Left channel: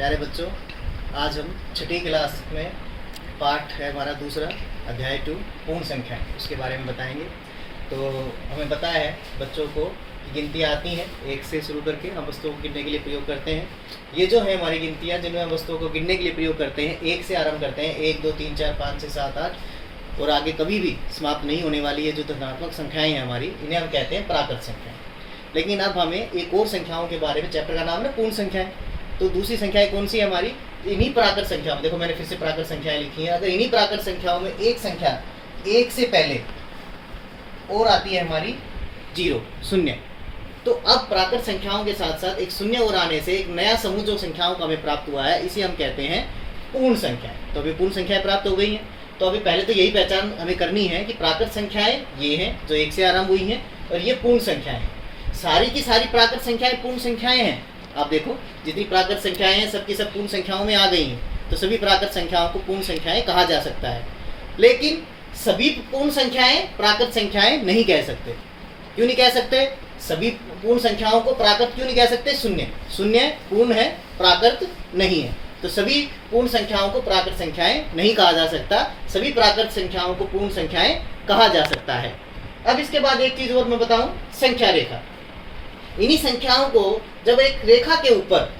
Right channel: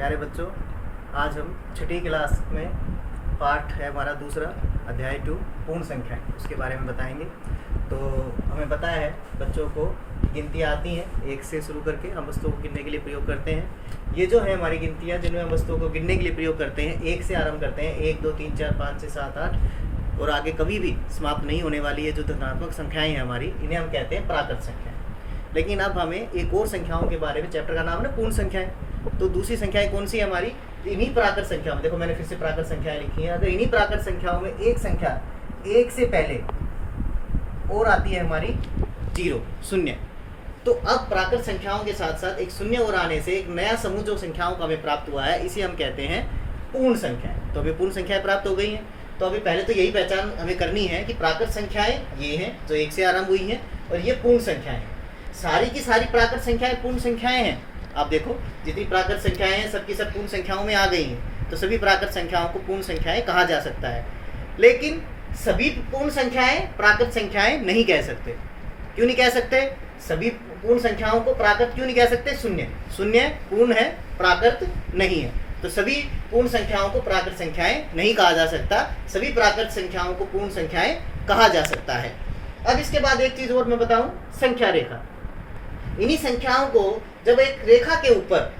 प्यारे बच्चों, आज हम छठी क्लास में पाठ है हमारा दूसरा अध्याय 2 पूर्ण संख्या, उसके बारे में बताएंगे। तो हमें पता है बच्चों को गिनती आती हैं, 1 से शुरू करके हम वस्तुओं को गिनने के लिए प्रयोग करते हैं। ये जो है हमारी गिनतियाँ जिनमें हम वस्तुओं को गिनने के लिए प्रयोग करते हैं, 1 से आरंभ करते हैं। 1 2 3 4 5 6 7 8 और आगे कभी भी समाप्त नहीं होने वाली ये जो धनात्मक संख्याएँ हैं हमारी, इन्हें हम कहते हैं प्राकृत संख्याएँ। लेकिन अब हमें एक और संख्याओं के बारे में, चैप्टर का नाम है पूर्ण संख्याएँ। तो दूसरी संख्याएं कौन सी है हमारी? इन्हीं प्राकृत संख्याओं में, देखो मैंने फिर से प्राकृत संख्याएं लिखी हैं। अगर इन्हीं प्राकृत संख्याओं में एक संख्या 1 से पहले और आती है हमारी 0 शून्य, तो अब प्राकृत संख्याओं के साथ साथ एक शून्य और आने से एक नया समूह जो संख्याओं का हमें प्राप्त हुआ है, इसे हम कहते हैं पूर्ण संख्याएं। तो अभी पूर्ण संख्याएं प्राप्त हो गई हैं। तो अभी पहले तो यही पहचान हमें करनी है कि प्राकृत संख्याएं ये हैं जो 1 से आरंभ हुई हैं, और ये पूर्ण संख्याएं हैं। सारी की सारी प्राकृत संख्याएं पूर्ण संख्याएं हैं। आप देखो जितनी प्राकृत संख्याएं हैं सबकी सब पूर्ण संख्याओं में आ गई हैं, तो सभी प्राकृत संख्याओं को पूर्ण संख्याएं कहा जा सकता है। लेकिन सभी पूर्ण संख्याएं प्राकृत संख्याएं नहीं कह सकते। क्यों नहीं कह सकते? सभी पूर्ण संख्याओं को प्राकृत क्यों नहीं कह सकते? शून्य पूर्ण है, प्राकृत नहीं है। तो सभी पूर्ण संख्याओं को प्राकृत संख्याएं नहीं कहा जा सकता, सभी प्राकृत संख्याओं को पूर्ण संख्याएं कहा जा सकता है। अब इसके बाद एक चीज और मैं बताऊं, संख्या रेखा। इन्हीं संख्याओं को जब एक रेखा के ऊपर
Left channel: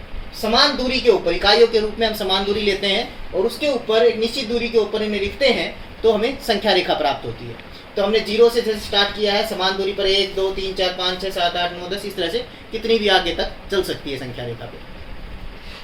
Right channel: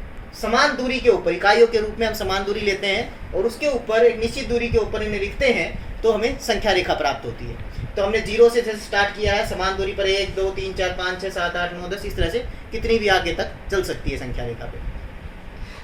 समान दूरी के ऊपर, इकाइयों के रूप में हम समान दूरी लेते हैं और उसके ऊपर एक निश्चित दूरी के ऊपर इन्हें लिखते हैं, तो हमें संख्या रेखा प्राप्त होती है। तो हमने 0 से जैसे स्टार्ट किया है, समान दूरी पर 1 2 3 4 5 6 7 8 9 10, इस तरह से कितनी भी आगे तक चल सकती है संख्या रेखा पे।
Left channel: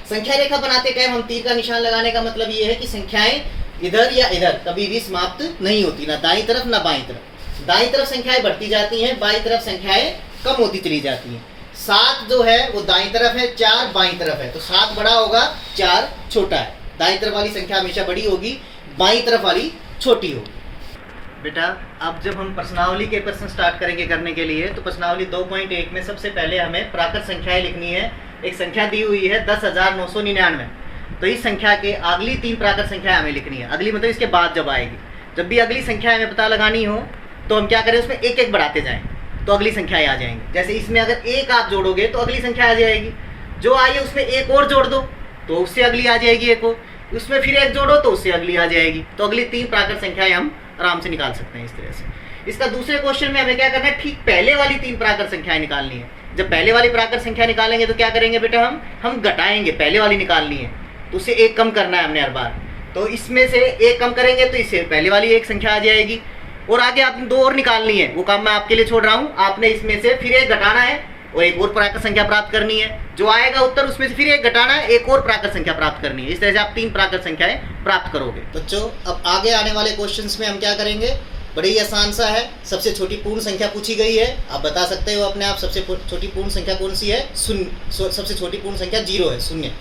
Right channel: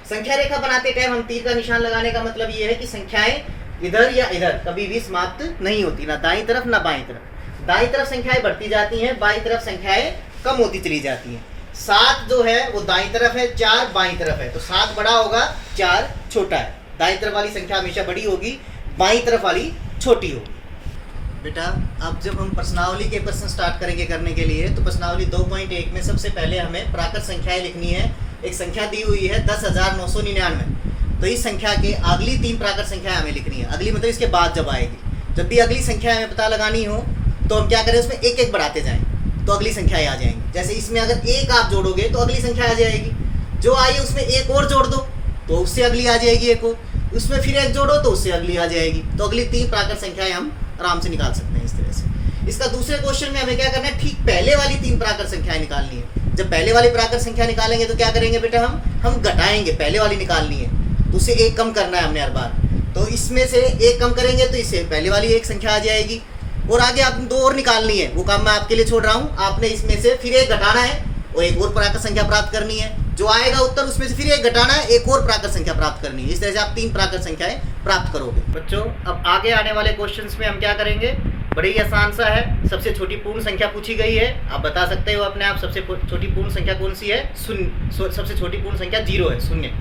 संख्या रेखा बनाते टाइम हम तीर का निशान लगाने का मतलब ये है कि संख्याएं इधर या इधर कभी भी समाप्त नहीं होती, ना दाईं तरफ ना बाईं तरफ। दाईं तरफ संख्याएं बढ़ती जाती हैं, बाईं तरफ संख्याएं कम होती चली जाती हैं। 7 जो है वो दाईं तरफ है, 4 बाईं तरफ है। तो 7 बड़ा होगा, 4 छोटा है। दाईं तरफ वाली संख्या हमेशा बड़ी होगी, बाईं तरफ वाली छोटी होगी। बेटा अब जब हम प्रश्नावली के प्रश्न स्टार्ट करेंगे करने के लिए, तो प्रश्नावली 2.1 में सबसे पहले हमें प्राकृत संख्याएं लिखनी है। एक संख्या दी हुई है 10,999। तो इस संख्या के अगली 3 प्राकृत संख्याएं हमें लिखनी है। अगली मतलब इसके बाद जब आएगी, जब भी अगली संख्या हमें पता लगानी हो तो हम क्या करें, उसमें एक एक बढ़ाते जाएं तो अगली संख्याएं आ जाएंगी। जैसे इसमें अगर 1 आप जोड़ोगे तो अगली संख्या आ जाएगी, जो आई है उसमें 1 और जोड़ दो तो उससे अगली आ जाएगी 1 और, उसमें फिर 1 जोड़ो तो उससे अगली आ जाएगी। तो अगली 3 प्राकृत संख्याएं हम आराम से निकाल सकते हैं इस तरह से। इसका दूसरे क्वेश्चन में हमें क्या करना है, ठीक पहले वाली 3 प्राकृत संख्याएं निकालनी है। जब पहले वाली प्राकृत संख्या निकालेंगे तो क्या करेंगे बेटा, हम घटाएंगे। पहले वाली निकालनी है तो उससे 1 कम करना है हमने हर बार। तो इसमें से 1 कम करेंगे तो इससे पहले वाली एक संख्या आ जाएगी, और आगे आपने 2 और निकालनी है। वो काम मैं आपके लिए छोड़ रहा हूँ। आपने इसमें से फिर 1 घटाना है और एक और प्राकृत संख्या प्राप्त करनी है। जो आएगा उत्तर उसमें से फिर 1 घटाना है, एक और प्राकृत संख्या प्राप्त करनी है। इस तरह से आप 3 प्राकृत संख्याएं प्राप्त करोगे। बच्चों अब आगे आने वाले क्वेश्चंस में हम क्या करेंगे, बड़ी ही आसान सा है। सबसे छोटी पूर्ण संख्या पूछी गई है, आप बता सकते हो अपने आप सबसे छोटी पूर्ण संख्या कौन सी है? शून्य। सबसे छोटी पूर्ण संख्या 0 है, शून्य।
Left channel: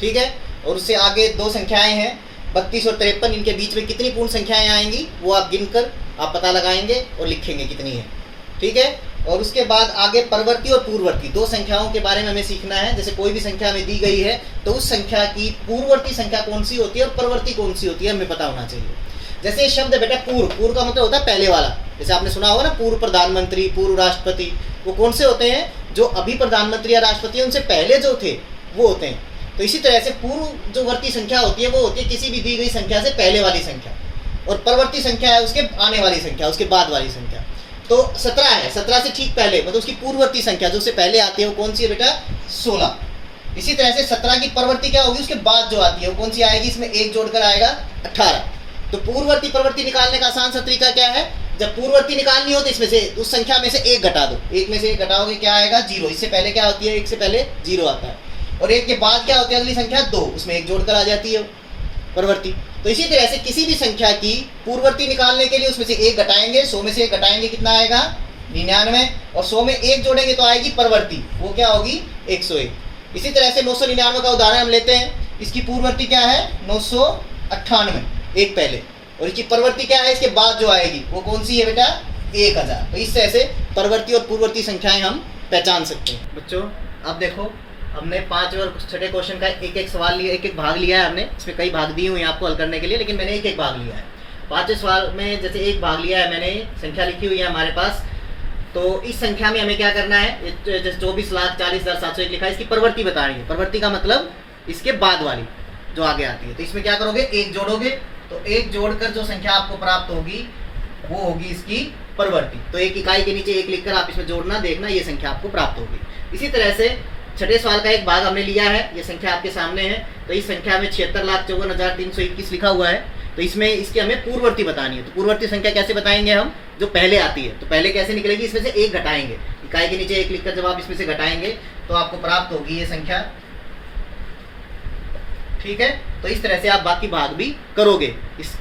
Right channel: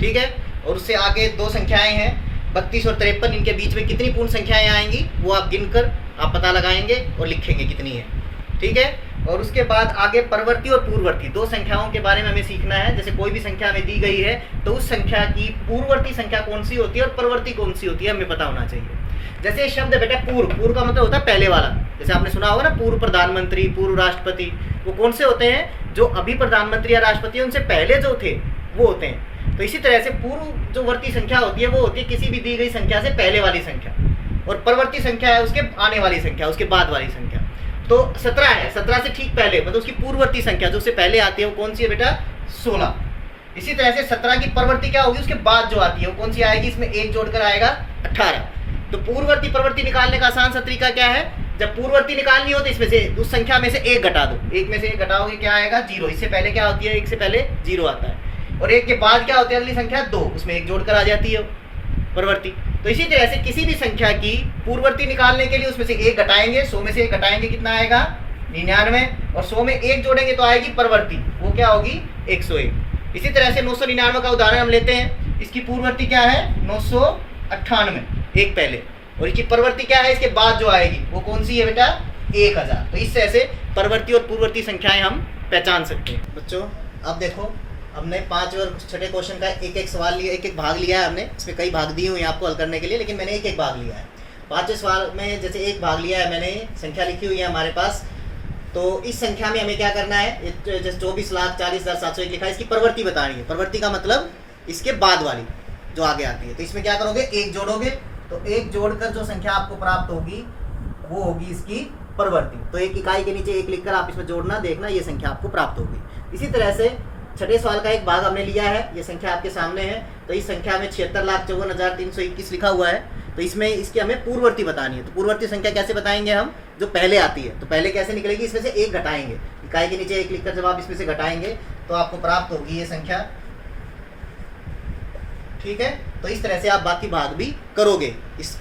ठीक है। और उससे आगे 2 संख्याएं हैं 32 और 53। इनके बीच में कितनी पूर्ण संख्याएं आएंगी वो आप गिनकर आप पता लगाएंगे और लिखेंगे कितनी है। ठीक है। और उसके बाद आगे परवर्ती और पूर्ववर्ती 2 संख्याओं के बारे में हमें सीखना है। जैसे कोई भी संख्या हमें दी गई है तो उस संख्या की पूर्ववर्ती संख्या कौन सी होती है और परवर्ती कौन सी होती है हमें पता होना चाहिए। जैसे ये शब्द है बेटा पूर्व का मतलब होता है पहले वाला। जैसे आपने सुना होगा ना, पूर्व प्रधानमंत्री, पूर्व राष्ट्रपति, वो कौन से होते हैं? जो अभी प्रधानमंत्री या राष्ट्रपति है उनसे पहले जो थे वो होते हैं। तो इसी तरह से पूर्व जो वर्ती संख्या होती है वो होती है किसी भी दी गई संख्या से पहले वाली संख्या, और परवर्ती संख्या है उसके आने वाली संख्या, उसके बाद वाली संख्या। तो 17 है, 17 से ठीक पहले मतलब उसकी पूर्ववर्ती संख्या जो उससे पहले आती है वो कौन सी है बेटा? 16। इसी तरह से 17 की परवर्ती क्या होगी, उसके बाद जो आती है वो कौन सी आएगी? इसमें 1 जोड़कर आएगा 18। तो पूर्ववर्ती परवर्ती निकालने का आसान सा तरीका क्या है, जब पूर्ववर्ती निकालनी हो तो इसमें से उस संख्या में से 1 घटा दो। 1 में से 1 घटाओगे क्या आएगा? 0। इससे पहले क्या होती है? 1 से पहले 0 आता है। और 1 के बाद क्या होती है अगली संख्या? 2, उसमें 1 जोड़कर आ जाती है परवर्ती। तो इसी तरह से किसी भी संख्या की पूर्ववर्ती निकालने के लिए उसमें से 1 घटाएंगे, 100 में से 1 घटाएंगे कितना आएगा? 99। और 100 में 1 जोड़ेंगे तो आएगी परवर्ती, वो क्या होगी? 101। इसी तरह से 999 का उदाहरण हम लेते हैं। इसकी पूर्ववर्ती क्या है? 998, 1 पहले। और इसकी परवर्ती क्या है? इसके बाद जो आएगी वो कौन सी है बेटा? 1000। तो इस तरह से परवर्ती और पूर्ववर्ती संख्याएं हम पहचान सकते हैं। बच्चों अब देखो, हमने 5 और 6 क्वेश्चन का एक सवाल लिया, एक भाग लिया है हमने। इसमें कई भाग दिए हुए हैं आपको हल करने के लिए, लेकिन मैंने एक भाग लिया है। 5वें सवाल में जैसे एक भाग लिया है मैंने, संख्या लिखी हुई है हमारे पास। तो इस संख्या में हमें क्या करना है, जैसे 24,40,701 लिखा है, इसकी प्रवृत्ति बतानी है। प्रवृत्ति का मतलब इसके बाद वाली जो आगे आती है। तो इसमें क्या करोगे, एक जोड़ोगे, तो एक जोड़कर जो संख्या आपको प्राप्त होगी वो होगी इसकी परवर्ती। तो एक इकाई के नीचे एक लिखकर आप इसमें जोड़ना, देखना, ये संख्या आपको प्राप्त होगी। इसी तरह से छठे सवाल का एक भाग हमने लिया है, ये संख्या आपके सामने है। तो इस संख्या में 76,54,321 लिखा हुआ है। तो इसमें इसकी हमें पूर्ववर्ती बतानी है। तो पूर्ववर्ती संख्या कैसे बताएंगे हम, जो पहले आती है। तो पहले कैसे निकलेगी, इसमें से एक घटाएंगे, इकाई के नीचे एक लिखकर जब आप इसमें से घटाएंगे तो आपको प्राप्त होगी ये संख्या। ठीक है, तो इस तरह से आप बाकी भाग भी करोगे। इस